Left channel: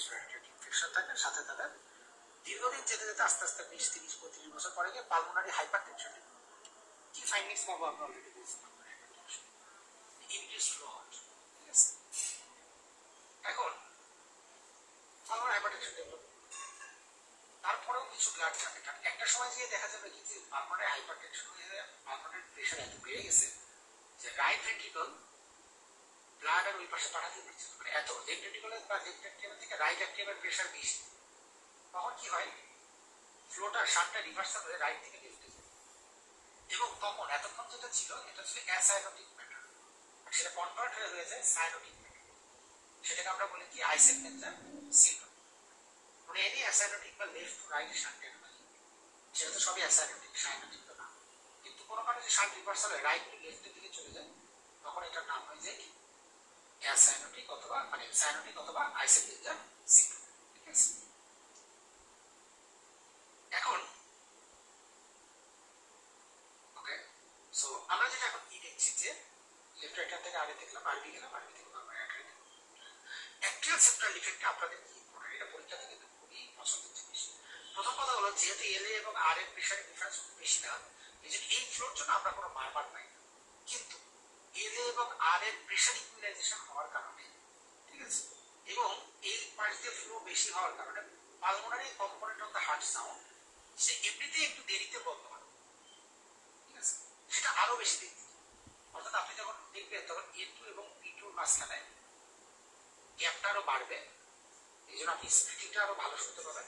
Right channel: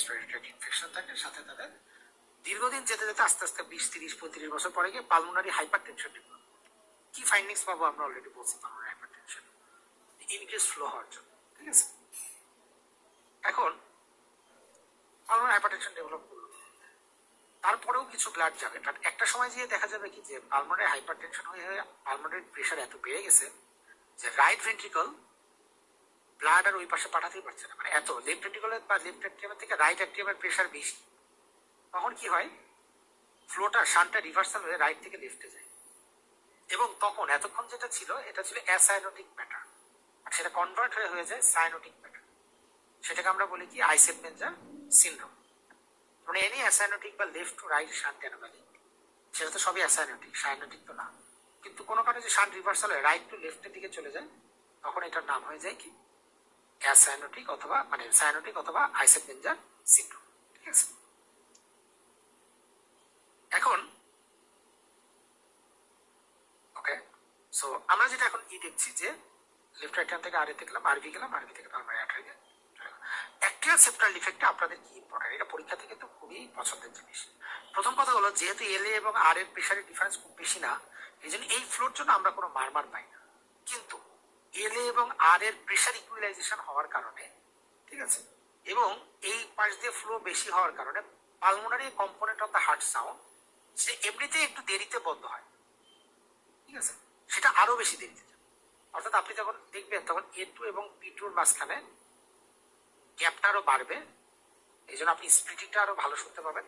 Respiratory infection থাকে, সাথে তাদের দীর্ঘদিন যেতে যেতে আস্তে আস্তে 20, 30, 35 বছর পরে গিয়ে পালমোনারি হাইপারটেনশন ডেভেলপ করে। কি ফাইন্ডিংস পাবো আমরা অলরেডি বলছি, পালমোনারি হাইপারটেনশন ইনক্রিজ ফ্লো হওয়ার জন্য, ঠিক আছে। এখন পালমোনারি হাইপারটেনশন ডেভেলপ করলো, তারপরেও কিছু ব্লাড যাবে, কারণ একটা সময় গিয়ে দেখা যাবে কি যে পালমোনারি হাইপারটেনশন হয়ে পালমোনারি প্রেশার এত বেড়ে গেছে যে রাইট ভেন্ট্রিকল ব্লাড আর ওই পাশে পাঠাতেই পারছে না, মানে এত লেফট ভেন্ট্রিকলের বা লেফট অ্যাট্রিয়াম থেকে রাইট অ্যাট্রিয়ামের প্রেশার বেশি। তখন কি হয়, ফ্লোটা শান্টটা রিভার্সাল হয়ে রাইট থেকে লেফটে যায়, এবং তখন এতক্ষণ যেটা ছিল এটা ছিল অ্যাসাইনোটিক ম্যাটার, আর সেটা কনভার্ট হয়ে যায় সাইনোটিক ম্যাটার। সেটাকে আমরা বলি কি আইসেনমেঞ্জার সিনড্রোম। মানে এনি অ্যাসাইনোটিক বা left to right shunt anomaly, সেটা তো সবই অ্যাসাইনোটিক, সাইনোটিক তো না, কিন্তু কোনো কারণে যে শান্ট রিভার্সাল হয়ে রাইট টু লেফটের দিকে চলে যায়, তখন এটার নাম হয়ে যায় কি অ্যাসাইনোটিক অথবা মানে সাইনোটিক অথবা আইসেনমেঞ্জার সিনড্রোম, ঠিক আছে। এখন ওকে, সো আমরা যেটা এখন কি দেখছি যে লেফট রাইট থেকে আরএতে গেলাম, আরবি গেলাম, আরবি থেকে পালমোনারি আর্টারি গেলাম। অ্যাক্টিয়াল সেপ্টাল ডিফেক্টটা আপনাদের কি ইম্পর্টেন্ট, এটা পরীক্ষাতে কিন্তু খুবই পছন্দের জিনিস। প্রথম কথা হলো যেহেতু এলএ এবং আর এর প্রেশারের ডিফারেন্স খুব বেশি না, এই জন্য এই ফ্লোর জন্য আমরা কোনো মারমার পাই না। কিন্তু এলএ এবং আর এর প্রেশার ইকুয়ালাইজেশন হওয়ার কারণে, ঠিক আছে, এবং এই পাশ দিয়ে ফ্লো বেশি হওয়ার কারণে pulmonary component of the heart sound যে এমনিতেই একটু দেরিতে বন্ধ হয়, ঠিক আছে, সেটা আরো বেশি দেরিতে। অর্থাৎ আপনি যখন দেখবেন তখন A2 এবং P2 মাঝখানে গ্যাপটা আরো বাড়বে, এই জন্য আপনি স্প্লিটিংটা আরো ভালো শুনতে পাবেন।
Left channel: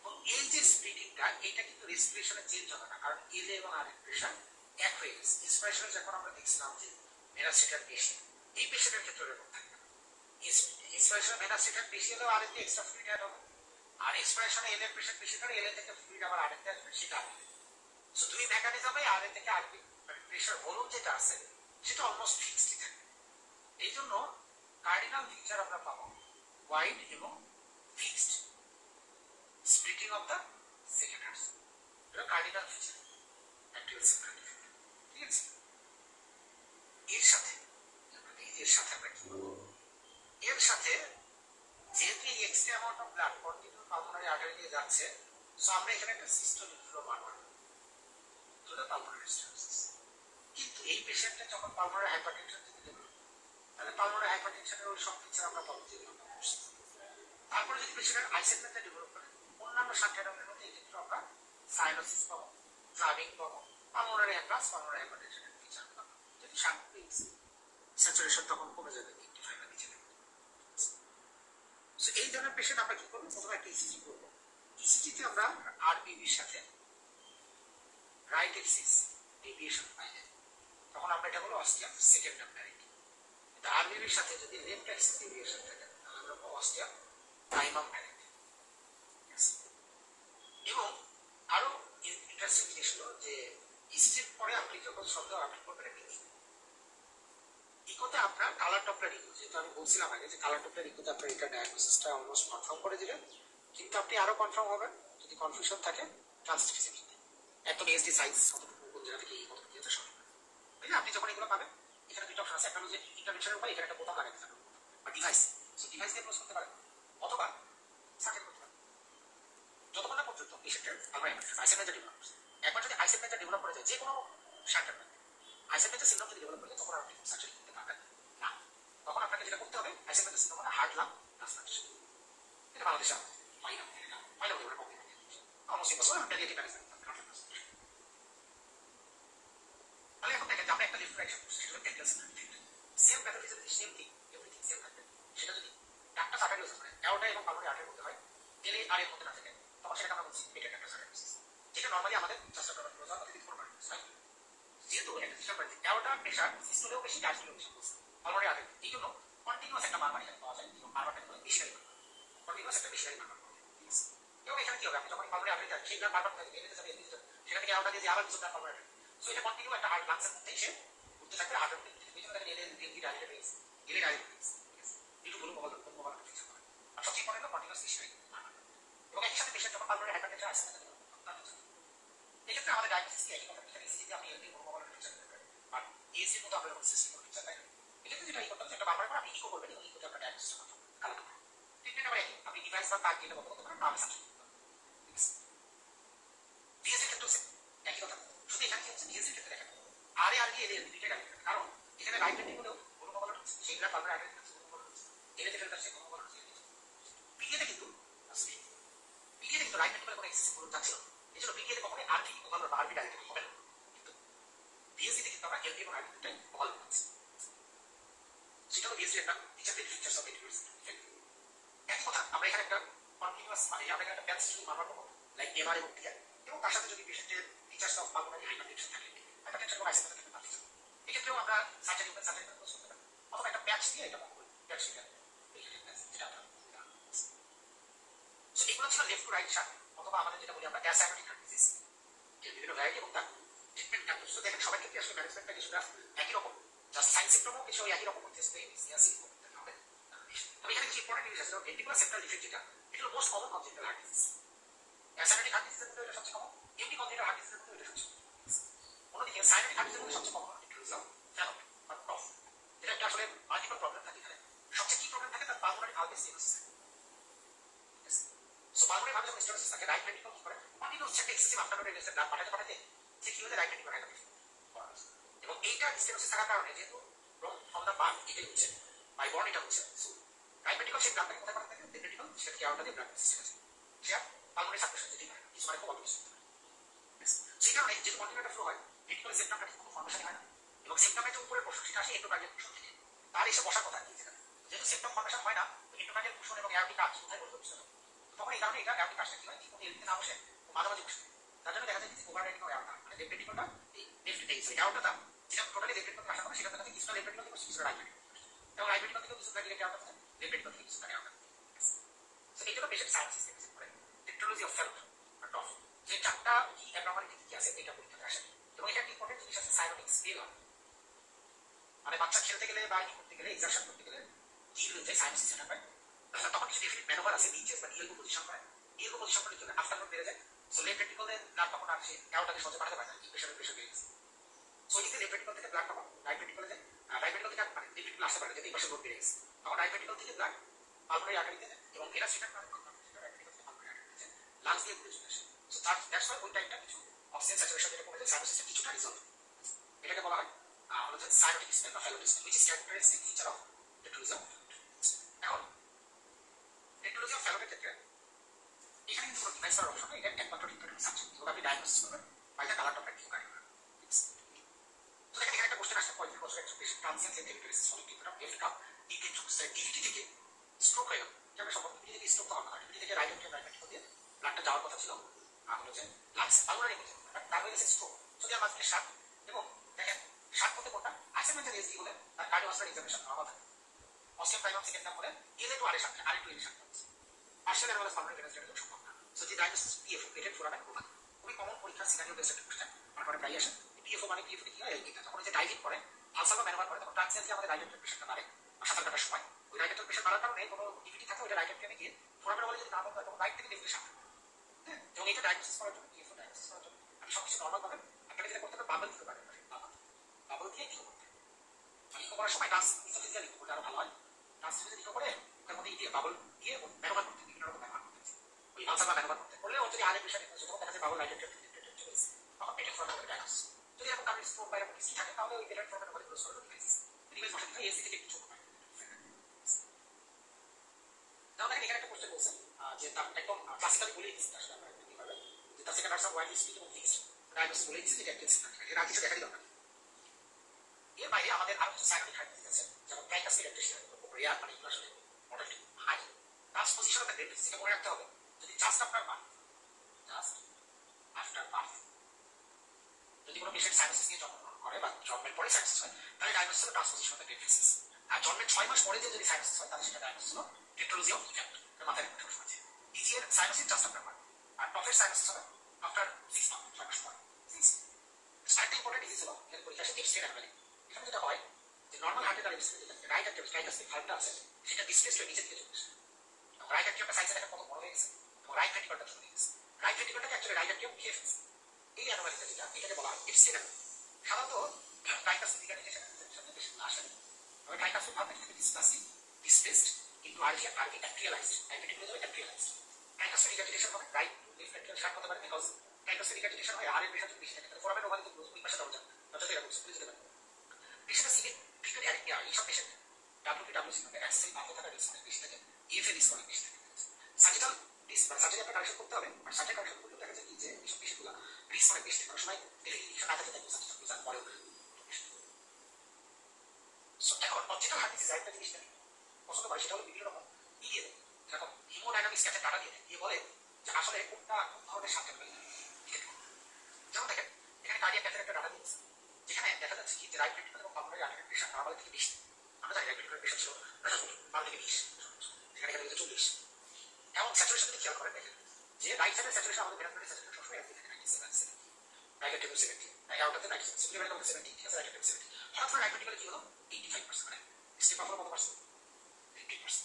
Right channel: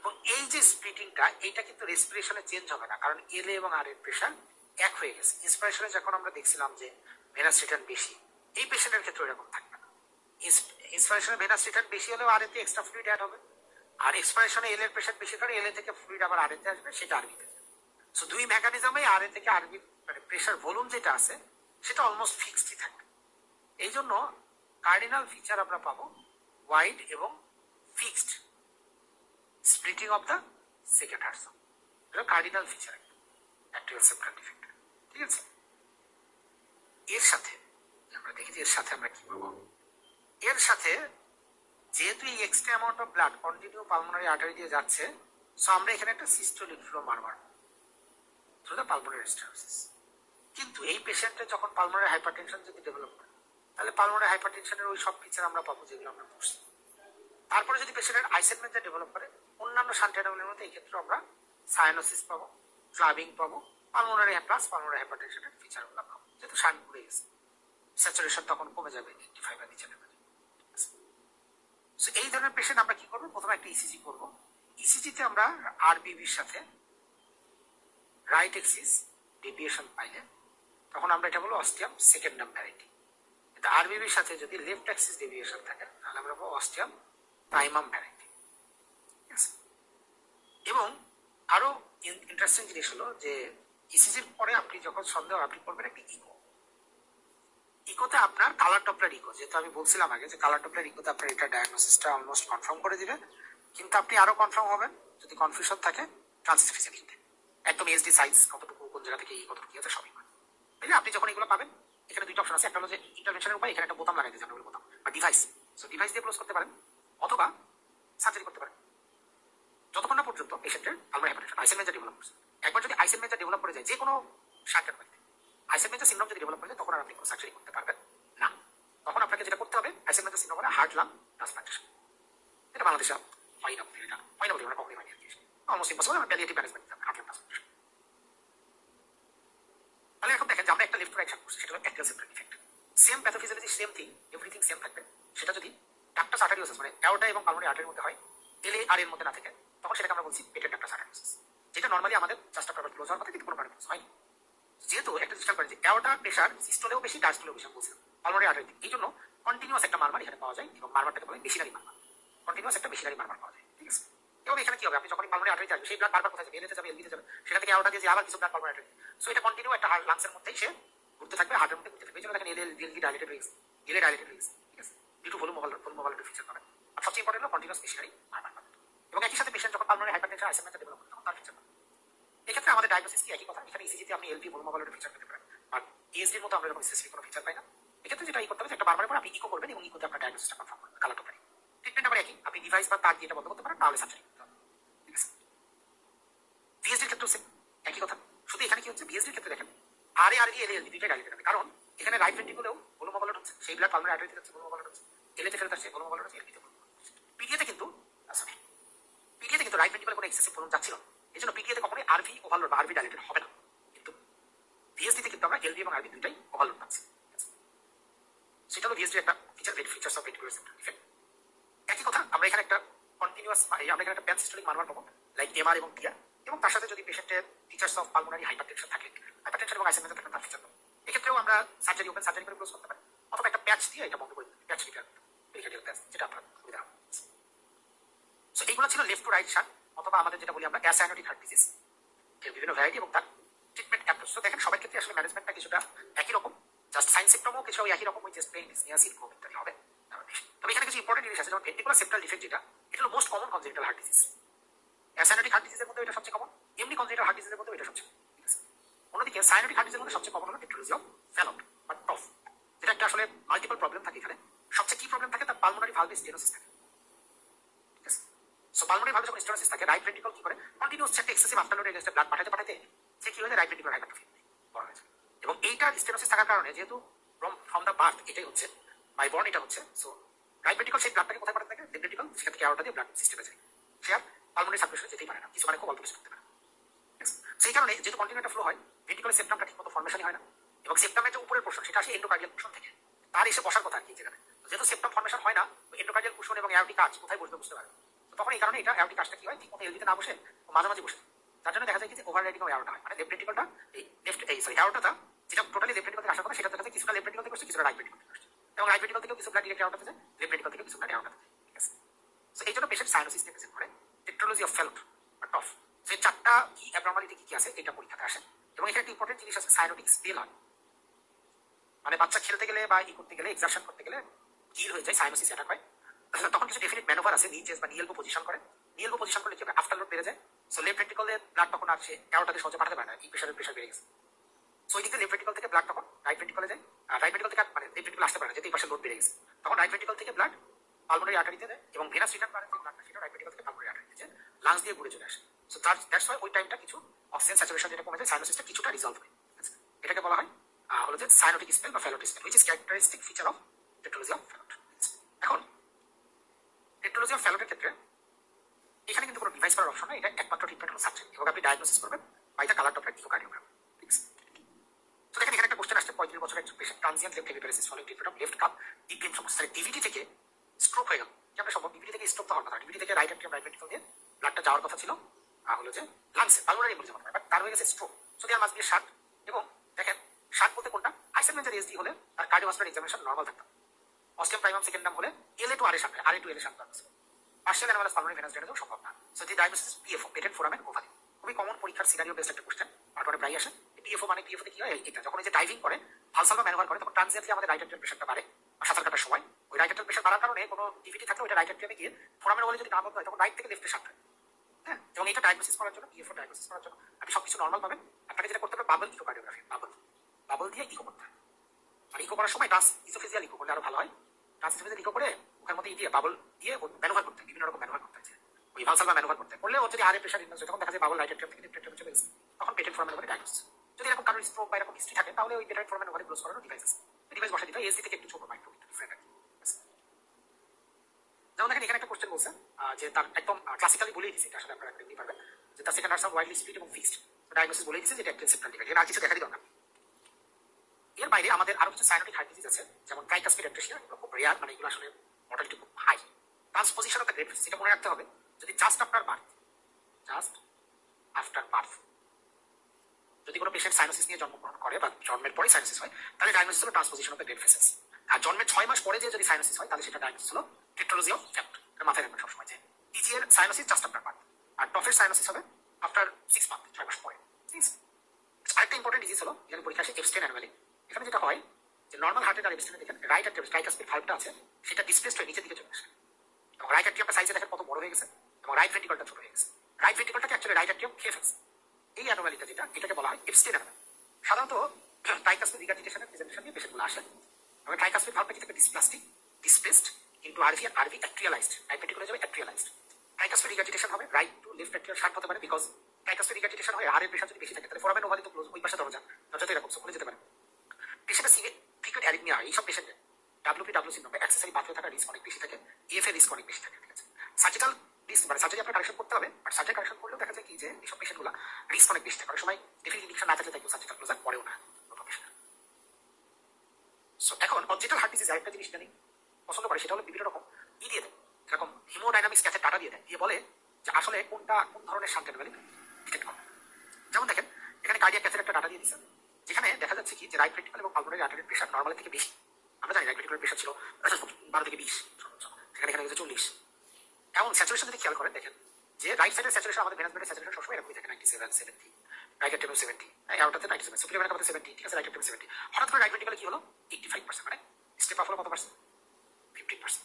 এবং এই যে স্প্লিটিংটা, এইটা কিন্তু রেসপিরেশনে চেঞ্জ হবে না, কারণ এলএ এবং আর এর প্রেশার এক হয়ে গেছে। ইন্সপিরেশনে যখন আমরা দেখছিলাম যে ভেনাস রিটার্ন বেশি, এই পেশেন্টের ক্ষেত্রে এরকম থাকবে না। ইন্সপিরেশনে ভেনাস রিটার্ন বেশি হলেও আর এতে এক্সট্রা ফ্লুইড অ্যাড হবে, আর এক্সপিরেশনে এল এর প্রেশার বেশি করে এলএ থেকে ফ্লুইড আবার আর এতে আসবে, সেটা আরবি। সো দুই মেকানিজমে আর এ থেকে আরবি মানে প্রেশার ভলিউম যেটা আছে সেটা অলমোস্ট ফিক্সডই থাকবে। এই জন্য কার্ডিনাল ফিচার আমরা পাবো ওয়াইড এবং fixed splitting of the second heart sound, এটা cardinal feature atrial septal defect, ঠিক আছে। এর সাথে আমরা দেখি যে এর সাথে আমরা কি পাবো, এর সাথে যেহেতু এই extra amount of blood continue pulmonary artery দিয়ে যাচ্ছে, সো আমরা এখানে একটা systolic flow murmur through the pulmonary stenosis. কিন্তু এই পেশেন্টে যখন পালমোনারি হাইপারটেনশন যদি ডেভেলপ করে, তাহলে পালমোনারি হাইপারটেনশনের ওই সব ফিচার আমরা পাবো যেগুলো আমরা পড়ছি। তারপরে যদি পেশেন্টের আইসেগমেন্টটা ডেভেলপ করে, অন্যান্য শান্ট অ্যানোমালির মধ্যে এই ক্ষেত্রে আমরা সাইনোসিস পাবো, ক্লাবিং পাবো, পালমোনারি প্লাস পালমোনারি হাইপারটেনশনের ফিচারগুলো পাবো, যেহেতু শান্ট পড়ে গেছে, স্যাচুরেশন তখন কমে যাবে 85 এর নিচে নেমে যাবে। সো এই ধরনের পেশেন্ট আমরা কি করবো, প্রথমে একটা ইসিজি করবো। ইসিজিতে আমরা আরবিবির সাথে রাইট এক্সিস ডেভিয়েশন পাইলে তখন আমরা এটা বলবো অস্টিয়াম সেকেন্ডাম ভ্যারাইটি। কিন্তু আরবিবির সাথে যদি লেফট এক্সিস ডেভিয়েশন থাকে তাহলে আমরা বলবো অস্টিয়াম প্রাইমাম ভ্যারাইটি। এবং আরো ইন্টারেস্টিং জিনিস হলো যে ইসিজির পরে আপনি যখন সন্দেহ আপনি করবেন একটা ইকো। ইকোতে আপনার কালার ডপলার ইকো, যেহেতু আমি বলছিলাম আগে যে কালার ডপলার ইকোতে আপনার এটা ডায়াগনোসিসটা অলমোস্ট কনফার্ম করে দিবেন, কিন্তু আপনি আরো কনফার্ম হবেন যদি কনফিউশন থাকে ট্রান্সফিজিবিলিটি, একদম এসডি সাইজ কতটুকু কোন জায়গা থেকে কতটুকু কি আছে সবই পাবেন। তাই আপনি যখন এগুলো পাবেন, এখানে দুইটা অপশন আছে, একটা হলো যে ইন্টারভেনশনের উপায়, এখানে একটা বোতাম লাগাই দিয়েছে আপনার বোতাম বা ডিভাইস, সো ডিভাইস দিয়ে ক্লোজ করতে পারেন অথবা সার্জারি করতে পারেন, যতক্ষণ না পর্যন্ত পেশেন্টের পালমোনারি হাইপারটেনশন আইসেনমেঞ্জার ডেভেলপ করছে। একবার যদি আইসেনমেঞ্জার ডেভেলপ করে যায় যে কোনো শান্টের মধ্যে, আইসেনমেঞ্জার সিনড্রোম যদি ডেভেলপ করে যায় তখন আর আপনি কোনো সার্জারি করতে পারবেন না। তখন আপনাকে যেটা করতে হবে আইসেনমেঞ্জার সিনড্রোম মানে হার্ট লাং ট্রান্সপ্লান্টেশন। এটা বাংলাদেশে হয় না, এটা হয় না বলে আমরা কখনোই মানি অলমোস্ট ইম্পসিবল, আমরা palliative management heart lung transplantation. তাহলে এখন দেখেন যে আমরা একটা লেফট রাইট হার্ট করছি, সেটা হলো অ্যাক্টিয়াল septal defect. Same pathophysiology same thing, everything same থাকবে। সেটা যদি ডাক্টাস আর্টারিওসিস মানে অ্যাওর্টা এবং পালমোনারি আর্টারির মধ্যে হয়, এলএ আর এর মধ্যে না থাকে, তখন সেটাকে আমরা বলছি পেটেন্ট ডাক্টাস আর্টারিওসিস, যেটা নরমালি আমাদের জাস্ট আফটার ক্লোজ হওয়ার কথা কিন্তু কোনো কারণে হয়। যেহেতু একটা সিস্টেম করে যে অ্যাওর্টার প্রেশার সিস্টোলেও বেশি ডায়াস্টোলেও বেশি বলছে পালমোনারি আর্টারি, এই জন্য কন্টিনিউয়াস একটা মারমার এখানে পাওয়া যায়, এবং মারমারটাকে বলে বেশিনারি মারমার, কন্টিনিউয়াস একটা বেশিনারি মারমার পাওয়া যায়, ঠিক আছে। এবং এখানে কি হবে, আপনি যখন পালমোনারি আর্টারিতে আসবে সেই ব্লাড বারবার কোথায় যাবে, এলএতে যাবে, এলবিতে যাবে, সেটা থেকে অ্যাওর্টা দিয়ে আবার কিছু ব্লাড পালমোনারি আর্টারি, সো এটা কন্টিনিউ একটা হার্ট লাংসের মধ্যেই সে ঘুরতে থাকবে, হার্টের মধ্যে ঘুরতে থাকবে। এই জন্য দেখেন এলএলবি ডাইলেটেড হয়ে গেছে, এলএ ডাইলেটেড হয়ে গেছে, ঠিক আছে, due to volume mobile feature পাবেন। আর সবচেয়ে ইম্পর্টেন্ট হলো কন্টিনিউয়াস বেশিনারি মারমার পাবেন। এবং একই সাথে পেশেন্ট যখন পালমোনারি হাইপারটেনশন আইসেনমেন্ট ডেভেলপ করে তখন তার ফিচার পাবেন। এক্ষেত্রে আমাদের ডায়াগনোসিস কি একই কথা, এখানে ইসিজিতে আপনি এলপি ভলিউম মোবাইলের ফিচার পেতে পারেন, আর এএসডির মতো আমরা এরকম স্পেসিফিক কোনো ফিচার পাই না। এক্ষেত্রে যেটা করতে হবে একটা বারবার করে আপনি ইকো করবেন এবং ইকোতে আপনার ডায়াগনোসিসটা কনফার্ম করবেন, কালার টপলারি। ট্রিটমেন্ট আবার একই, আপনি ডিভাইস ডিভাইস বা তার দিয়ে বন্ধ করতে পারেন, তাহলে সার্জারি করতে হবে। ঠিক আছে, পিএইচডির ক্ষেত্রে হচ্ছে একই কথা। শুধু এখানে কি হচ্ছে, পিএইচডির ক্ষেত্রে দেখেন আর এ এল এল দুইটাই গাড়ি দেখাবে, কারণ এখানে রাইট ভেন্ট্রিকুলেও ভলিউম ওভারলোড হচ্ছে, সেই ব্লাড পালমোনারি আর্টারিতে হচ্ছে ভলিউম ওভারলোড হচ্ছে, এলএতে ফেরত আসছে ভলিউম ওভারলোড হচ্ছে, এলপিতে। পিডিএতে কিন্তু সরি, পিডিএতে কিন্তু রাইট ভেন্ট্রিকুলে কোনো এক্সেসিভ ভলিউম যাচ্ছিল না, এই জন্য পিডিএতে কখনোই আরভি ওভারলোড বা আরভি ডাইলেটেড হবে না। কিন্তু পিএইচডিতে কিন্তু আমরা এলভি এবং আরভি দুইটাই ওভারলোড পাচ্ছি। সেটা হলো পিএইচডি একটা features of ventricular septal defect. একই কথা আমরা এখানে একটা কন্টিনিউয়াস, আমরা এখানে একটা প্যানসিস্টোলিক মানবার পাবো লাইক এমআর এবং টিআর, এবং তার সাথে যদি পেশেন্টের ফিচার্স অফ পালমোনারি হাইপারটেনশন থাকে, হাইপারটেনশন এবং আইসিএমএস থাকে তার ফিচার, এক্ষেত্রেও আমরা সার্জারি ওপেন সার্জারি করে ক্লোজ করতে পারি, অথবা একটা প্যাচ দিয়ে এটা বন্ধ করে দিই, প্যাচ রিপেয়ার পেরিকার্ডিয়াল প্যাচ, যেটা আপনার সুবিধা। সো এইগুলো ছিল লেফট টু রাইট শান্ট, অথবা আমাদের যেটা বলি আমরা অ্যাসাইনোটিক হার্ট ডিজিজ এর বিভিন্ন ভ্যারাইটি এবং তার ট্রিটমেন্ট অ্যাপ্রোচ। তো দেখেন সবার ক্ষেত্রে আসলে ম্যানেজমেন্টটা কিছুটা একই রকম, জাস্ট সাইন সিম্পটমও কিছু একই রকম, ওই চেস্ট পেইন, ডিসনিয়া, সিনকোপ ইত্যাদি হবে। তবে এখানে কিছু ইম্পর্টেন্ট জিনিস আছে, যেমন ভেন্ট্রিকুলার সেপ্টাল ডিফেক্ট যেটা, এটা হলো most common congenital heart disease. Acyanotic heart ডিজিজের মধ্যে এটা সবচেয়ে কমন, এমনি কনজেনিটাল হার্ট ডিজিজের মধ্যে এটা সবচেয়ে কমন। অন্যদিকে সাইনোটিক হার্ট ডিজিজের মধ্যে সবচেয়ে কমন হলো টেট্রালজি অফ ফ্যালট বা টফ, যেটা একটা আসলে মাল্টিপল প্রবলেম থাকে। এখানে সবচেয়ে কি প্রবলেম থাকে, তার পালমোনারি ভালভ স্টেনোসিস থাকে। সো পালমোনারি ভালভ যখন স্টেনোসিস থাকে, রাইট ভেন্ট্রিকল কি করে, কন্টিনিউয়াস একটা এক্সেসিভ আফটারলোড এগেইনস্ট ব্লাড পাঠাতে সে কি হয়ে যায়, রাইট ভেন্ট্রিকুলার হাইপারট্রফি করা হয়েছে। এবং এইটা স্টেনোসিস থাকার কারণে, যেহেতু ফ্রম দ্য বার্থ এটাই হচ্ছে, বাই বর্ন এটা হচ্ছে, সো রাইট ভেন্ট্রিকল সেই ব্লাডটাকে কোথায় পাঠাতে থাকে, লেফট ভেন্ট্রিকল সেটা থেকে আউটটা দিয়ে ব্লাড সিস্টেমে যায়, সে আর পালমোনারি সার্কুলেশনে যেতেই পারে না, কিছু মানে খুব অল্প কিছু করতে পারে। সেই কারণে যেহেতু কন্টিনিউ একটা ফ্লো হয়, ভেন্ট্রিকুলার সেপ্টামটা ঠিকমতো ফর্মেশনই হয় না, এবং সেপ্টামের যে উপরের পোর্শন সেটা আসে এন্ডোকার্ডিয়াল পোর্শন থেকে, তার এসে বসার কথা কি যেখানে, যেহেতু সেপ্টাম ফর্মেশন হয় না, এন্ডোকার্ডিয়াল পোর্শন এবং এআরটি কাজ কোথায় বসবে বুঝতে পারে। তখন এই কারণে এটা এআরটি কাজটা কি হয়, ঠিকমতো এলভিতে না বসে মাঝামাঝি বসে, তার জন্য দেখা যায় কি যে ওভার রাইডিং এআরটা হয়, মানে লেফট ভেন্ট্রিকলটা এই লেফট এই সরি এআরটাটা যেটা টোটালি লেফট ভেন্ট্রিকল থেকে আসার কথা, সেটা দেখা যায় কিছুটা লেফট ভেন্ট্রিকল থেকে বসে, কিছুটা রাইট ভেন্ট্রিকল থেকে বসে, এবং রাইট ভেন্ট্রিকল থেকেও কিছু ব্লাড ডিরেক্ট এআরটাতে যায়, লেফট ভেন্ট্রিকল থেকে কিছু ব্লাড এআরটাতে যায়। ঠিক আছে, সো এই জন্য পেশেন্ট সাইনোসিস নিয়ে প্রেজেন্ট করে টেট্রালজি অফ ফ্যালট বা টফ, যে চারটা কি অ্যাবনর্মালিটি কি আছে এটা পরীক্ষাতে আসে। এবং এখানে একটা ইম্পর্টেন্ট জিনিস আছে, সাইনোটিক স্পেল হয়, মানে বাচ্চা খেলতে গেলে বা ই করতে গেলে, এক্সারশন করতে গেলে গিল হয়ে যায়, সাইনোসিস অ্যাটাক হয়, তখন কিছু ডেফিনিট ম্যানোভার আছে, নি চেস বা নিয়েলবো পজিশন করে, নিয়েলবো পজিশন করলে কি হবে, আফটারলোড বেড়ে যায়, সো লেফট ভেন্ট্রিকলে ব্লাড তখন আর সে এআরটাতে সহজে পাঠাতে পারে না, এই প্রেশার বেড়ে গেছে, সো এই দিকে লেফট ভেন্ট্রিকল থেকে ব্লাড তখন রাইট ভেন্ট্রিকলে যায়, আর রাইট ভেন্ট্রিকল থেকে মানে লেফট ভেন্ট্রিকল আসতে পারে না, যেহেতু এই পাশে লোড বেড়ে গেছে, তখন রাইট ভেন্ট্রিকল থেকে ব্লাড পালমোনারি আর্টারিতে যায়, এবং ভেনাস রিটার্ন করে ব্লাডটা সেটা রাইট ভেন্ট্রিকল থেকে পালমোনারি আর্টারিতে যায়, লাংস দিয়ে ঘুরে চলে আসে। সো দ্যাটস ওয়াই ওই টাইমটা কিছু অক্সিজেন স্যাচুরেশন যেটা কমে যায়, সাইনোসিসটা কিছুটা রিজলভ হয়। এটাকে বলা হয় হলো যে সাইনোটিক স্পেল বা Fallot spell, which is characteristic feature of tetralogy of Fallot. এখন টেট্রালজি অফ ফ্যালটের ক্ষেত্রে এখানে কিন্তু কোনো ডিভাইস করার অপশন নেই, এটা একমাত্র ট্রিটমেন্ট হলো সার্জারি, এবং আপনি ডায়াগনোসিস করবেন বা এটা কালার ডপলার ইকোকার্ডিওগ্রাম। ঠিক আছে, তো দেখেন এখানে একটা কোশ্চেন আসছে, 35 বছরের একজন patient transient left hemiparesis following treatment of left cup deep vein সমস্যা, ডিভিটি থেকে স্ট্রোক হয়ে গেল, যেটা সম্ভব, ডিভিটি থেকে স্ট্রোক তো হওয়ার কথা, ডিভিটি থেকে রাইট অ্যাট্রিয়াম রাইট ভেন্ট্রিকল দিয়ে ব্লাডটা যাওয়ার কথা ছিল হলো যে লাংসে পালমোনারি এমবলিজম, বাট তার হয়ে গেছে স্ট্রোক, যদি আর মাঝ দিয়ে শার্ট, এবং দেখেন শার্ট করতে কোনটা, আইসেনমেন্টের এসডি হলে তার কার্ডিওভাস্কুলার এক্সামিনেশন নরমাল থাকতো, অস্টিয়াম প্রাইমাম সেকেন্ড নাম হলে এলএ টু আর এর সাথে আর টু এর সাথে আছে, পার্শিয়াল অ্যানোমালাস পালমোনারি ভেনাস ড্রেনেজও সম্ভব না। So the diagnosis PFO, patent foramen ovale, খুবই কমন পরীক্ষার সিনারিও বেসড একটা কোশ্চেন, তারপরে প্রায় আসে পিএফও, মানে পিএফও তে কি হয়, এটা যখন এই যে ডাইভিং করে ভালসালভা ম্যানুভার করে, তখন ট্রানজিয়েন্টলি আমাদের রাইট অ্যাট্রিয়াম প্রেশারটা বাড়ে, আর সাঁতার কাটার সময় ওই রাইট অ্যাট্রিয়াম প্রেশার বাড়ার কারণে কোনো ডিভিটি থাকলে ওইটা রাইট অ্যাট্রিয়ামে গিয়ে ফোরামের বলে যদি না বলতে হয়, তখন রাইট থেকে লেফটে সাঁতার, হ্যাঁ, এবং এটা ডায়াগনোসিস করার জন্য, পিএফও ডায়াগনোসিস করার জন্য আপনি সবকিছু নর্মাল পাবেন, আপনাকে যেটা করতে হবে বাবল ইকোকার্ডিওগ্রাফি, বাবল দিয়ে ইকো করতে হয়, আর ইকো করার সময় ট্রান্সইসোফেজিয়াল ইকো করলে আরো ভালো হয়, ট্রান্সইসোফেজিয়াল ইকো করে ওখানে মধ্যে দিয়ে বাবল দিয়ে ম্যানুভার করতে, বিভিন্ন রকম ম্যানুভার করতে আছে, ওই ভালসালভা ম্যানুভার করতে করলে ওর যদি আরে প্রেশার ইনফ্লুয়েন্স, তখন দেখা যায় বাবল রাইট অ্যাট্রিয়াম থেকে লেফট অ্যাট্রিয়াম চলে গেছে, তখন পেটেন্ট ফোরামের উপরে ডায়াগনোসিস, যদি এরকম কারোর স্ট্রোক বা এরকম হিস্ট্রি থাকে, তাহলে ওই পেটেন্ট ফোরামের উপরে ক্লোজ করার ডিভাইস বসে দিতে হয়, এসডি থেকে একটু ছোট মাইক্রো ফ্রেম। যেমন দেখেন এখানে একটা কোশ্চেন বলছে যে তার একদম ক্লাসিক্যালি বলেই দিচ্ছে, আসলে আপনারা দেখতে পারবেন যে তার second hearts of widely split এবং ফিক্সড, ডায়াগনোসিস বলেই দিচ্ছে যে এটা একটা সেপ্টাল ডিফেক্ট, এর আর কিছু দেখারই দরকার। এর বাইরে আমাদের আরো কিছু সাইনোটিক হার্ট ডিজিজ আছে, যেমন ট্রাইকাসপিড অ্যাট্রেসিয়া, এগুলো খুব রেয়ার, মানে এগুলো আসলে মর্টালিটি খুব high, transposition of the grade, এটা মনে রাখতে হবে, যদি জাস্ট আফটার বার্থ যদি কোনো পেশেন্ট সাইনোসিস নিয়ে জন্মগ্রহণ করে বা জন্মের পরে সাইনোসিস হয়, তাহলে ডায়াগনোসিস হলো ট্রান্সপোজিশন অফ দ্য গ্রেড ফেসেস, আর জন্মের 6 মাস পরে যদি সাইনোসিস হয়, তাহলে সেটা ডায়াগনোসিস হলো টেট্রালজি অফ ফ্যালট। এটা মাথায় রাখবেন সবসময় যে ইজি এর সাইনোসিস জাস্ট আফটার বার্থ, আর টফের সাইনোসিস হবে আফটার 6 মান্থ, 6 মাস পরে। আরেকটা ইম্পর্টেন্ট ডিজিজ হলো, এখানে পরীক্ষা আসে এপস্টেইন অ্যানোমালি। এখানে যেটা হয় যে নর্মাল হার্টের আর এপস্টেইনের দেখেন রাইট অ্যাট্রিয়াম ট্রাইকাসপিড ভালভটা আছে, সেটা ডিসপ্লেসড হয়ে নিচের দিকে চলে আসে, এবং রাইট অ্যাট্রিয়ামটা সাইজে দেখেন কত বড় হয়ে গেছে, এবং রাইট ভেন্ট্রিকলটা ছোট হয়ে গেছে, রাইট ভেন্ট্রিকলটাকে অ্যাকচুয়ালি রাইট অ্যাট্রিয়াম খেয়ে ফেলছে। এই অ্যানোমালিটা যেটা, এটাকে বলা হয় এপস্টেইন অ্যানোমালি। সাধারণত ট্রাইকাসপিড রিগার্ডিটেশনের প্রেজেন্টেশন দিয়ে পেশেন্টগুলো আসে, এবং ট্রাইকাসপিড ভালভটা কি থাকে, ডিসপ্লাস্টিক, ডিসপ্লেসড কিন্তু আরভি অ্যাট্রিয়ালাইজড, রাইট ভেন্ট্রিকলে যাবে অ্যাট্রিয়ালাইজড, রিগার্জিটেশন হবে, right to left ventricular shunt হতে পারে, বিকজ ট্রাইকাস্টোরিক রিগার্জিটেশন হয়, হাড়ের প্রেশার যদি বেশি থাকে তাহলে ফোরামেন ওভালি তো ক্লোজ, ওই পাশে দরজা এরকম খুলে যেতে পারে। পেশেন্টের সিভিয়ার ফ্রিকুয়েন্ট অ্যারিথমিয়া হয়, এইসব পেশেন্টের ডাব্লিউপি সিনড্রোম অ্যাক্সেসরি পাথরে থাকার রিস্ক অনেক বেশি থাকে, ইএফএ রিস্ক অনেক বেশি থাকে। ঠিক আছে, সার্জিক্যাল রিস্ক মানে সার্জারি আপনার কারেকশন করতে হবে, বাট সার্জারি কারেকশন করলেও দেখা যায় কি যে এইসব পেশেন্টগুলো রিস্ক অনেক বেশি থাকে, অনেক সময় ডেফিনেটলি ইনজেকশন না থাকলে তাই সার্জিক্যাল ক্লোজার পড়েও না। সো এখন কনজেটাল হার্ট ডিজিজ আরেকটা জিনিস জানি পছন্দ করে, সেটা হলো বিভিন্ন রকম দিয়ে দেয়, যেরকম হিমোডাইনামিক্স ক্যাথের ডাটা দিয়ে দেয়, দিয়ে বলে যে আসলে কোনটা কোন ধরনের শান্ট অ্যানোমালি ডিটেক্ট করে। যেমন দেখেন এখানে কার্ডিয়াক ক্যাথের একটা ডাটা দিয়ে দিচ্ছে, যেখানে দেখা যাচ্ছে কি যে রাইট ভেন্ট্রিকল এবং পালমোনারি আর্টারির প্রেশার নরমাল থেকে বেশি। আমরা জানি রাইট ভেন্ট্রিকুলার প্রেশার ছিল 12 থেকে 20, এখানে 40। এবং স্যাচুরেশন যদি খেয়াল করেন দেখেন যে রাইট সাইডের স্যাচুরেশন আমাদের ভেনাস ব্লাডের স্যাচুরেশন সবসময় এরকমই থাকে 97, 70, রাইট অ্যাট্রিয়াম 70, আউটারতে 97, সুপিরিয়র ভেনাস 70, ঠিক আছে, রাইট অ্যাট্রিয়াম 70। হঠাৎ করে রাইট ভেন্ট্রিকলে কি হলো 85%, মানে স্টেপ আপ হলো কত পার্সেন্ট, 15%।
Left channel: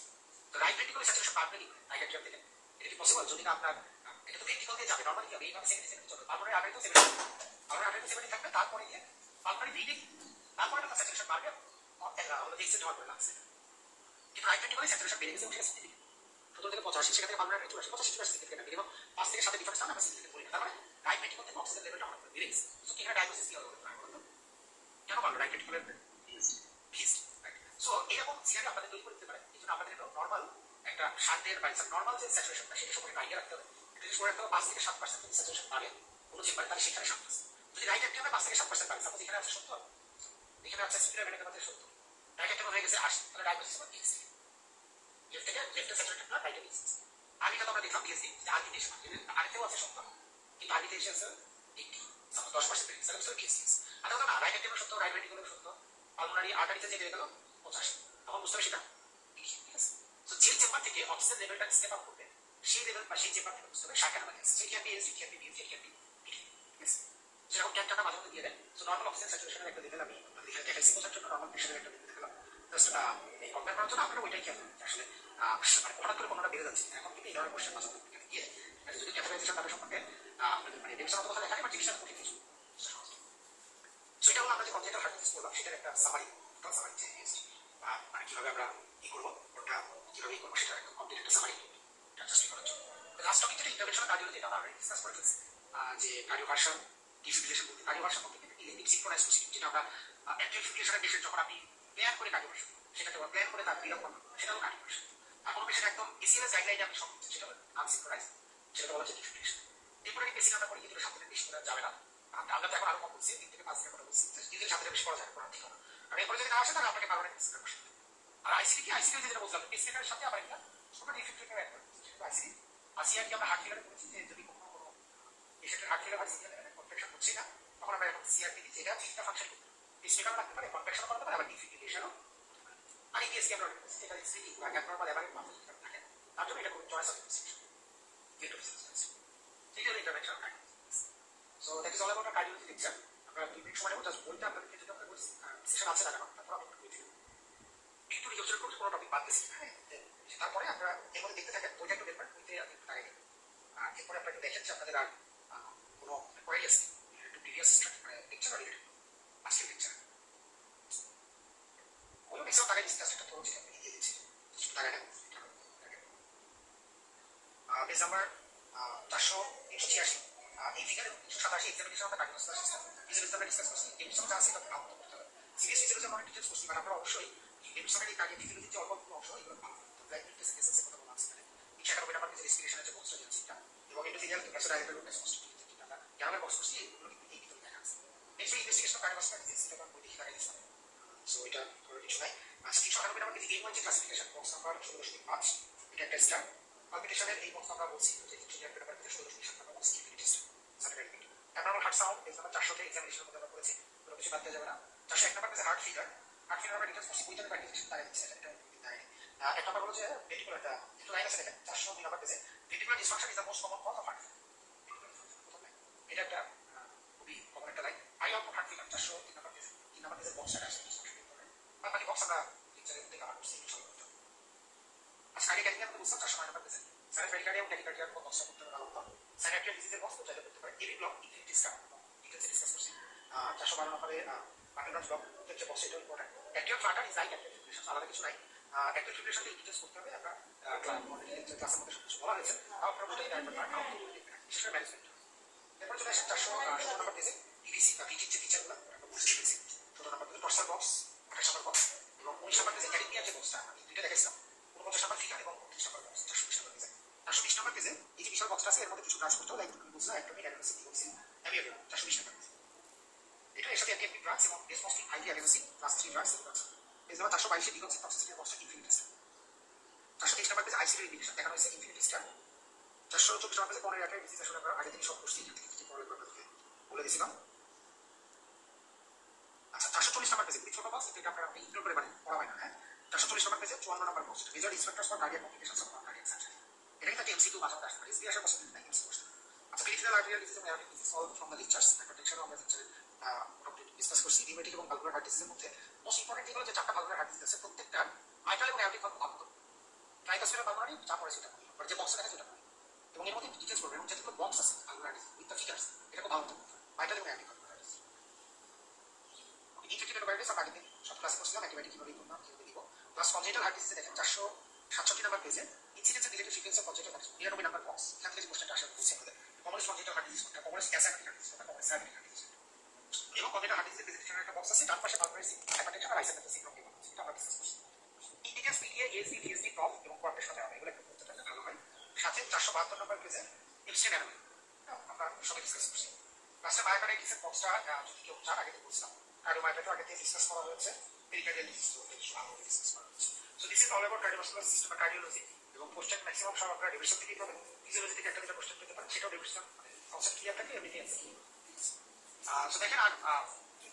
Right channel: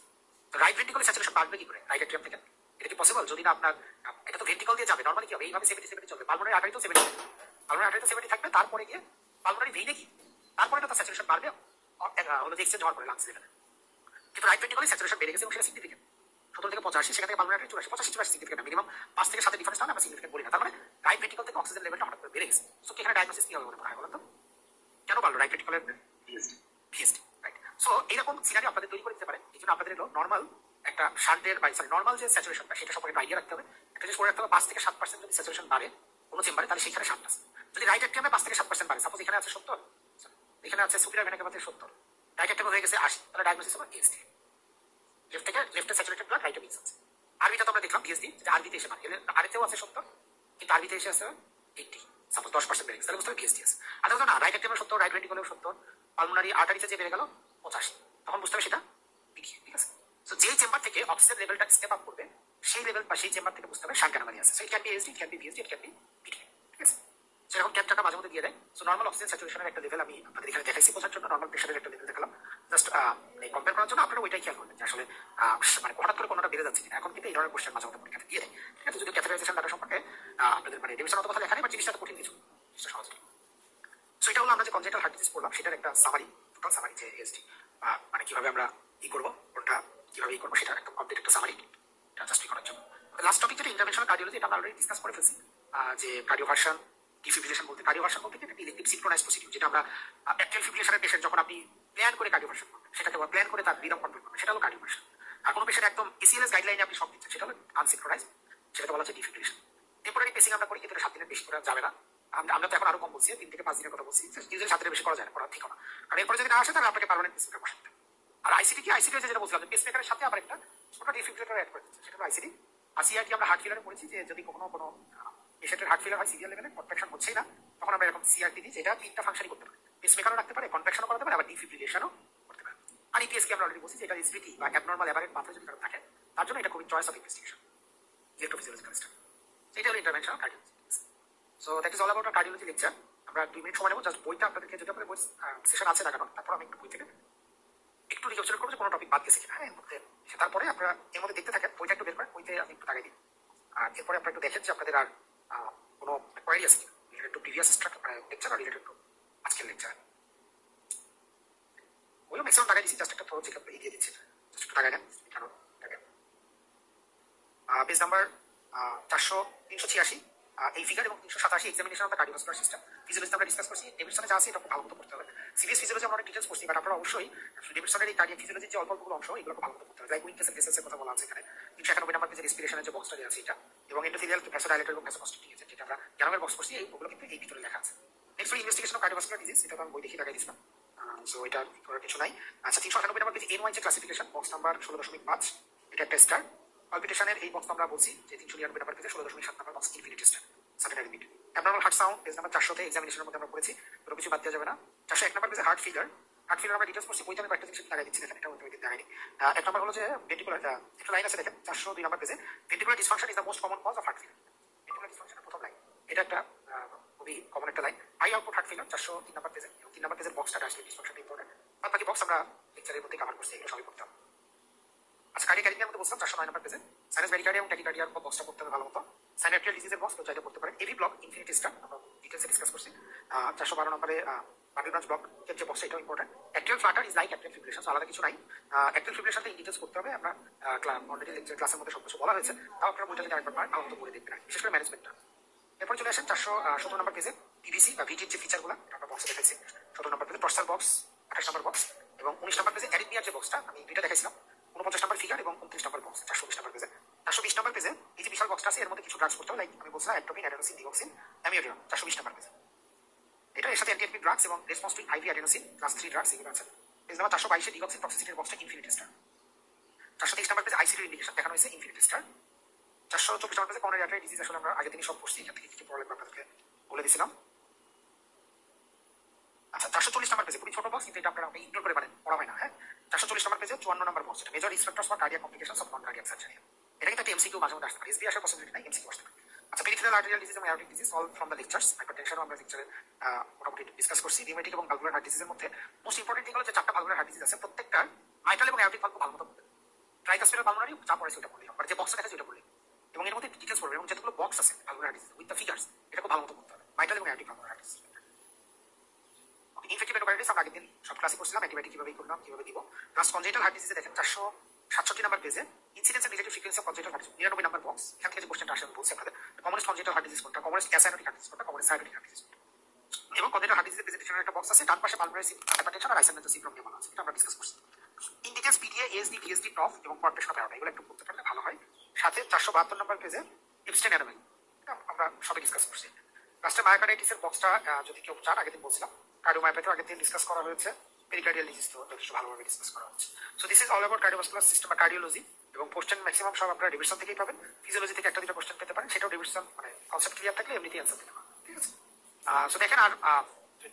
তো রাইট ভেন্ট্রিকলের স্যাচুরেশন বাড়বে কি করে রাইট অ্যাট্রিয়াম থেকে? এটা কি পসিবল? যদি না আপনার এটা তো ভেন্ট্রিকল দিয়ে যাবে, নরমালি কি হবে এইভাবে 70 চলবে, পালমোনারি আর্টারিতেও 70, পালমোনারি আর্টারিতে 70 থাকবে, তারপরে গিয়ে পালমোনারি ভেইনে কি তারপরে তো তার স্যাচুরেশন বাড়বে হলো যে এক্সচেঞ্জ হওয়ার পরে লাংসে যেটা। কিন্তু রাইট ভেন্ট্রিকলে স্যাচুরেশন বেড়ে গেছে এবং সেটা সিগনিফিকেন্ট 70 থেকে 85, সেখান থেকে পালমোনারি আর্টারি 85 সিগনিফিকেন্ট, মিনিমাম 5 থেকে 7 ডিফারেন্স তাহলে আমরা সিগনিফিকেন্ট বলি না। তার মানে রাইট ভেন্ট্রিকল থেকে অক্সিজেন লেভেলটা হঠাৎ করে বেড়ে গেছে। সো এখানে ডায়াগনোসিস কি হবে বলে মনে হয় বলুন তো? কেন বললো রাইট ভেন্ট্রিকলের ভিএসডি, রাইট? সো এইরকম সিনারি আপনাদের তৈরি করে দিতে পারে। এই জন্য আপনাদের এলো নর্মাল একটা শান্টের বা নর্মাল যে স্যাচুরেশনটা সেটা সম্পর্কে আইডিয়া রাখতে হবে। একটা জিনিস করে রাখতে হবে 5 থেকে 7% যদি স্যাচুরেশন বাড়ে কোনো চেম্বারে তাহলে সেখানে শান্ট আছে। যদি রাইট অ্যাট্রিয়ামে 5 থেকে 7% বাড়ে, সাপোজ এখানে আছে 70, এখানে আছে সুপিরিয়র ভেনা কাভাতে 70, রাইট অ্যাট্রিয়ামে হয়ে গেছে 80, তাহলে ডায়াগনোসিস হবে ভিএসডি, লেফটে স্যাচুরেটেড ব্লাড রাইটে ভিএসডি। আরবিটা তো আমরা দেখলাম ভিএসডি যে আরবিতে এসে মানে আরবিতেও আছে 70, কিন্তু আরবিতে এসে আছে 80, সাপোজ 10% বেড়ে গেছে, তাহলে বুঝতে হবে ভিএসডি আছে। আর না রাইট অ্যাট্রিয়ামে 70, রাইট ভেন্ট্রিকলেও 70, পালমোনারি আর্টারিতে যে বেড়ে গেল 85, তখন বুঝতে হবে সেটা পিডিএ। ঠিক আছে, তো যে চেম্বার থেকে অক্সিজেন লেভেলটা স্টেপ আপ করবে সেই লেভেল বা সেই চেম্বার থেকে বুঝতে হবে শান্ট অ্যানোমালি আছে। So it can be SD, it can be VSD, it can be PDA. ঠিক আছে, সেরকম ক্যাপচারটা মাঝে মধ্যে দিয়ে দেয়। সো নর্মাল অক্সিজেন স্যাচুরেশনের একটা লেভেল আমি আপনাদের এখানে দেখাইছি বোঝার জন্য, নর্মাল প্রেশারের একটা লেভেল দেখালাম জাস্ট এই কম্পেয়ার করার জন্য। আপনারা ওইটাই খেয়াল করবেন যে আসলে মানে হঠাৎ করে কোনোটা বেড়ে যাচ্ছে কিনা। এখন কিন্তু এই ধরনের কোশ্চেন মাঝে মধ্যে পরীক্ষাতে দিয়ে দেয়। ঠিক আছে, যদি ক্যাটাগরাইজেশন ডাটা সম্পর্কে আপনাদের মানে ডেফিনেশন কথা লেখা নেই, বাট জিনিসটা কঠিন কিছু, সহজ। সো এটা হলো আমরা যে কনজেন্টাল হার্ট ডিজিজ করলাম সেটার একটা সামারি, টোটাল সামারি যে এসডি মানে কিভাবে আমরা ই করবো, কোনটা কিভাবে ই করবো সেটার একটা কমপ্লিট একটা সামারি জাস্ট করার জন্য। লাস্ট টপিক যেটা ইন্টারভেনশনাল কার্ডিওলজি, এটা আমরা অলরেডি ডিসকাস করে ফেলছি যে কার্ডিওভার্সন ডিফিব্রিলেশন বলতে, কার্ডিওভার্সন বলতে একটা ইলেকট্রিক সিনক্রোনাইজ প্রসিডিউর, যেটা আমরা অ্যাট্রিয়াল ফিব্রিলেশনের পেশেন্ট যখন আপনি প্ল্যান করে কার্ডিওভার্সন করবেন, সেটাকে প্ল্যান করে তার রিদম কন্ট্রোল করবেন, সেটা হলো কার্ডিওভার্সন। আর কোনো পেশেন্ট একদম এসিএলএস গাইডলাইনে আপনি সব দিচ্ছেন, সেটা হলো আনসিনক্রোনাইজ, সেটাকে বলা হচ্ছে ডিফিব্রিলেশন। টেম্পোরারি পেসিং আমরা করি, কিন্তু 7 দিনের বেশি করা যাবে না। আমরা তো এখন আরো কম বলছি, 3 থেকে 5 দিনের কথা বলছি, ইউজুয়ালি 7 দিনের বেশি করা যায় না, করা ঠিক না। আর এরপরে যদি না আসে তাহলে আপনাকে পার্মানেন্ট পেসমেকার বসাতে হবে। আর আইসিডি কি, আইসিডি যেটা বলছিলাম পেসমেকারের সাথে আবার একটা ছোট ডিফিব্রিলেটর অ্যাড করে দিচ্ছি, সেটা হলো আইসিডি। আর সিআরটি আমরা হার্ট ফেলারে পড়েছি যে যদি কখনো কোনো পেশেন্টের হার্ট ফেলার হয় সিভিয়ার লেভেলে, কনট্রাকশন হচ্ছেই না, তখন আমরা এরকম সিআরটি দিই, যেটা 3টা ফাংশনই করতে পারে, পেসমেকারও রাখতে পারে, কনট্রাকশনও করতে পারে, আবার ডিফিব্রিলেশনও করতে পারে। আর ইপিএসকে আমরা অলরেডি বলছি, যেটা এসভিটি বা অ্যাবনর্মাল এভারেজ মাত্রা যদি কারো থাকে তার জন্য এটা খুবই চয়েস অফ ইনভেস্টিগেশন, ইলেকট্রোফিজিওলজিক্যাল স্টাডি। এটা হলো interventional cardiology. So that is all about our cardiology lecture. আমরা 2 মিনিট সময় নেব, জাস্ট বইটা আপনাদেরকে যদি আপনাদের বই সেশন আছে লাগানো, তারপর আমি একটু বই থেকে একটু রিকনসিডার করবো যে কোনো টপিক বাদ গেছে কিনা এর মধ্যে। তারপরে আপনারা এর মধ্যে দেখতে থাকেন, বইটা একটু বের করেন, বইতে আমি একটু আগে দিই। আর এরপরে আপনারা একটু দেখেন যে আপনাদের আর কোনো কোয়ারি আছে রিলেটেড টু প্রিভিয়াস লেকচার আর রিলেটেড টু আজকের লেকচার। ওইও ম্যাক্সিমাম টাকা দিচ্ছি, জাস্ট একটা থ্রো চেক আপ দিয়ে দিচ্ছি, জাস্ট একটু টাকা দেন। কারণ পেজ নাম্বার 386 এই ফিগার এবং 387 examination of the cardiovascular system physiology আমরা ডিসকাস করছি। ডেভিডসনে যা আছে এটা ভালো মতো করতে হবে। সিরিয়াস ফিজিওলজি আমরা অনেক ডিটেলস করছি, বাট আপনারা অবশ্যই ডেভিডসনের এই কার্ডিয়াক ফিজিওলজির যে অল্পগুলো অংশ এগুলো ভালো মতো করতে হবে। লাইক উইকনেস এন্ড ভেসেলসের কথা বলা আছে এখানে, 391 নাম্বার পেজের রেসপিরেশনের যে বক্সটা দেওয়া আছে এটা, এবং এন্ডোথেলিয়াল ভ্যাসোডাইলেটর এবং ভ্যাসোকনস্ট্রিকশন যেটা আমরা গ্যানামের বক্স করছি, এইগুলো কিন্তু এই ভিতরে লেখা আছে। নেক্সট হলো ইনভেস্টিগেশন অফ কার্ডিওভাস্কুলার ডিজিজ, এটা তো আমি বই দেখে লাগাই দিচ্ছিলাম, সো এটা করার কিছু নাই। আচ্ছা, 398 নাম্বার পেজে N1 যে ক্লাসিফিকেশন, বক্স নাম্বার 16.5, এটা একটা স্টার। পালপিটেশনের এই বক্স আমরা বলছি যে 399 নাম্বার পেজে 16.7 number box infinity test, secondary beat. Abnormal heart sound page number 400 তে এক্সামিনেশনের মধ্যে আমরা পড়েছি, কোনো কিছু বাদ দেওয়া যাবে না। 401 নাম্বার পেজে হার্ট ফিলার, হার্ট ফিলার আমরা ডিটেলস করছি, বইতে আমি কয়েকটা জিনিস লাগাই দিচ্ছি, এটা ওই দিতে দেয়নি। এক নম্বর হলো যে ভেন্ট্রিকুলার, একটা লাইন আছে দেখেন 402 নাম্বার পেজে, ventricular dysfunction is the most common cause of heart failure. Ventricular ডিসফাংশনের প্রথম লাইন, এটা একটা খুবই কমন একটা line. High output heart failure 403 number পেজে, 3 নাম্বার পেজের বক্সটা আসলে ডিসফাংশন ইম্পর্টেন্ট। আর বাকি বক্স আমরা লেকচারের মধ্যে কভার করছি, এগুলো সবই করতে হবে। আচ্ছা, কার্ডিয়াক মধ্যে বলছিলাম 409 নাম্বার পেজে সাইনাস ব্যারিকার্ডিয়া এবং ট্যাকিকার্ডিয়ার বক্সটা করতে হবে ভালো মতো। সাইনাপটিয়াল ডিজিজের বক্স তো চাইলে করতে পারেন। এভি ব্লক ইনফিনিটি স্টার আমরা ডিটেলসে ডিসকাস করছি। 412 নম্বরে বার্বি ব্রাঞ্চ ব্লক যে বক্স এটাও important. Atrial Flutter is like atrial fibrillation, আলাদা কিছু নাই। অ্যাট্রিয়াল ফিব্রিলেশনটা ডিটেলস করতে হবে, আমরা অলরেডি ক্লাসের মধ্যে সব কিছু বলা হয়েছে, তাও আপনারা বইটা যদি একবার পারেন আলাদা করে দেখবেন, বিশেষ করে ম্যানেজমেন্টটা। এরপর চলে আসেন 417 নম্বর পেজে টিডিসি বা ভিটির যে ফিচারগুলো আমরা বক্সে দেখেছি। 17 নম্বর পেজে টর্সাল বক্স, 28 নম্বর বক্স এবং 19 নম্বর পেজে অ্যারিথমিয়ার যে বক্সটা আমি দুইটা দেখাইছিলাম, 49 নম্বর ফিগার এবং 29 নম্বর বক্স। 420 নম্বর পেজে 420 নম্বর পেজে এই যে বিশাল বক্সটা আছে এর মধ্যে কিছু ড্রাগস করতে হবে, লাইক আমি বলছিলাম অ্যাটমিন, অ্যাডেনোসিন, ডিওক্সিন, অ্যামিওডিয়াম। 420 নম্বর পেজে এটা এর সাথে অ্যান্টি ড্রাগস এবং response to IV adenosine class 3 drugs এগুলো আছে। পেজ নাম্বার 422 ডিওক্সিন টক্সিসিটির বক্সটা ইনফিনিটি স্টার। 423 নম্বর পেজে আইসিডি ইন্ডিকেশন দেখানো হয়েছে ইনফিনিটি স্টার। 424 নম্বর পেজে করোনারি আর্টারি ডিজিজ, আসলে আমরা আগে থেকে সব পড়ছি, এখান থেকে কিছু পড়ালেখা আপনাদেরকে বলে দিয়েছিলাম। আচ্ছা 440 নম্বর পেজে খুবই ছোট বক্স, কিন্তু এটা আপনারা ইগনোর করে পারেন, পড়া হয় না। হ্যাঁ 440 নম্বর পেজে 54 নম্বর box, major risk factors for cardiac complications of non cardiac surgery. এটা কিন্তু একটা এমসিকিউ মাঝে মধ্যে আসতে পারে, এসবি আসার পসিবিলিটি নাই, এমসিকিউ আসতে পারে। আচ্ছা পেরিফেরাল আর্টেরিয়াল ডিজিজ এবং aortic disease solve from the lectures. হাইপারটেনশনও আমরা লেকচারে মোটামুটি ডিসকাস করছি। রিউমেটিক এবং ভালভুলার হার্ট ডিজিজের মধ্যে মোস্ট ইম্পর্টেন্ট হলো যে 4টা ভালভুলার হার্ট ডিজিজ আছে, প্রত্যেকটা মাইট্রাল এবং অ্যাওরটিক ভালভ ভালো মতো পড়বে। ট্রাইকাসপিরাল ভালভুলারি যা পড়েছে ওটা পড়লে, আর যে বক্সটা দেখাচ্ছে ওটা পড়লে, এবং এর মধ্যে ডিটেইলস পড়বে, এবং যেগুলো বক্স আছে valvular heart disease with the figures এটা খুব ভালো মতো পড়তে হবে, মাইট্রাল এবং aortic valvular heart disease. Infective endocarditis আমরা আগের দিন সব ক্লাসে করছিলাম, অ্যান্টিবায়োটিক কিভাবে করলাম, কিভাবে দিব। প্লাস কনজেনিটাল হার্ট ডিজিজে দেখেন 467 নম্বর পেজে incidence and relative frequency of congenital heart disease, 99 number box. এখান থেকে যে কোশ্চেনটা আসে বলছি আপনাদের, কমনেস্ট কনজেনিটাল হার্ট ডিজিজ কোনটা, কমনেস্ট অ্যাসাইনোটিক হার্ট ডিজিজ কোনটা, কমনেস্ট সাইনোটিক হার্ট ডিজিজ কোনটা। এবং কনজেনিটাল হার্ট ডিজিজের প্রেজেন্টেশনের একটা বক্স আছে, ডান পাশে পালমোনারি হাইপারটেনশন আর আইসোমেন্টাল সিনড্রোম নিয়ে বলা আছে, এটা আমরা ডিসকাস করছি। In details PTA, ASD, VSD, proof এবং কোয়ার্টেশন হবে, এগুলো একটু পড়তে পারলে ভালো হয়। সাথে 472 নম্বর পেজে ইনস্ট্যান্ট অ্যানোমালি, আমরা সবাই ডিসকাস করছি। লাস্টে মায়োকার্ডাইটিসের বক্সটা যদি কেউ চান, আগে দিন বলছিলাম কার্ডিওমায়োপ্যাথি আগে থেকে ডিসকাস করা হয়েছে, পেরিকার্ডিয়াল ডিজিজ তো যথেষ্ট ভালোভাবে ডিসকাস করা হচ্ছে। So this is all about cardiovascular system বা কার্ডিওলজি। এবং কোশ্চেন ম্যাক্সিমাম সব আপনারা ডিভিশন থেকেই পাবেন, ফিজিওলজি থেকে একটা দুটো কোশ্চেন পেতে পারেন, সেটাও ডিভিশন মানে কনসেপ্ট ক্লিয়ার থাকলে এমনিতেই অ্যান্সার দিতে পারেন, ঠিক আছে। সো দেখেন, আর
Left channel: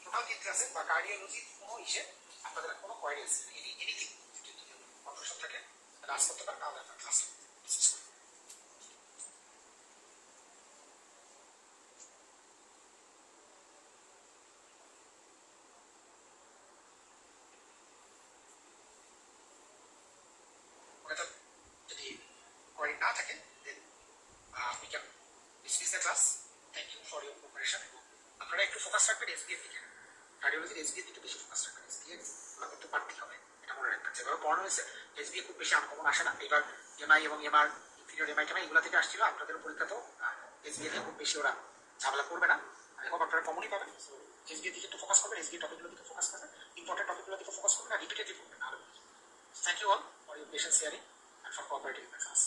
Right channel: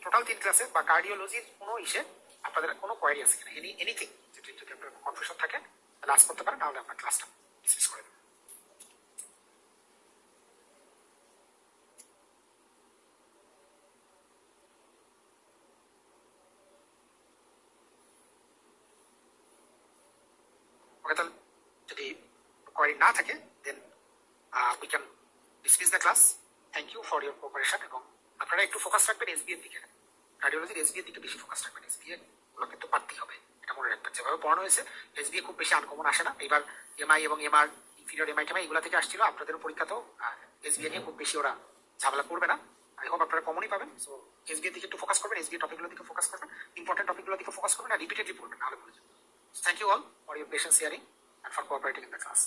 টোটাল 3 ক্লাসে বা কার্ডিওলজির কোনো ইসে আপনাদের কোনো কোয়ারি আছে কিনা, এনিথিং যদি আপনার কনফিউশন থাকে তাহলে আজ করতে পারেন, তাহলে আপনার ক্লাসটা ডিসমিস করে দেবেন। ওকে, তাহলে যদি কোয়ারি না থাকে then we can dismiss the class. Thank you for your cooperation. এবং আপনারা একটু ফোকাস রাখবেন এসবি এর দিকে, কার্ডিওলজির এসবি এর দিকে বেশি ফোকাস রাখবেন, এসবি এর গুলো কিন্তু পারতেই হবে, এটা মনে রাখবেন। যেভাবে পড়ানো হয়েছে এসবি খুব বেশি আনকমন আসে না, এবার এমআই এবং এমআর ইনফিরিয়র এমআই টেমআই এগুলো থেকে আসছিল, আপনাদের পরীক্ষাতেও এসবি নিয়ে খুব বেশি ওরা ঝামেলা করবে না, আই হোপ আপনারা কমনই পাবেন। সো এসবি এর দিকে একটু ফোকাস করবেন, এসবি টপিকগুলোর দিকে ফোকাস করবেন, ইম্পর্টেন্ট টপিকগুলোর দিকে ফোকাস করবেন, আর রিপিটেডলি পড়বেন, নাহলে বুঝবেন। Thank you all for your patience hearing and for cooperating in the class.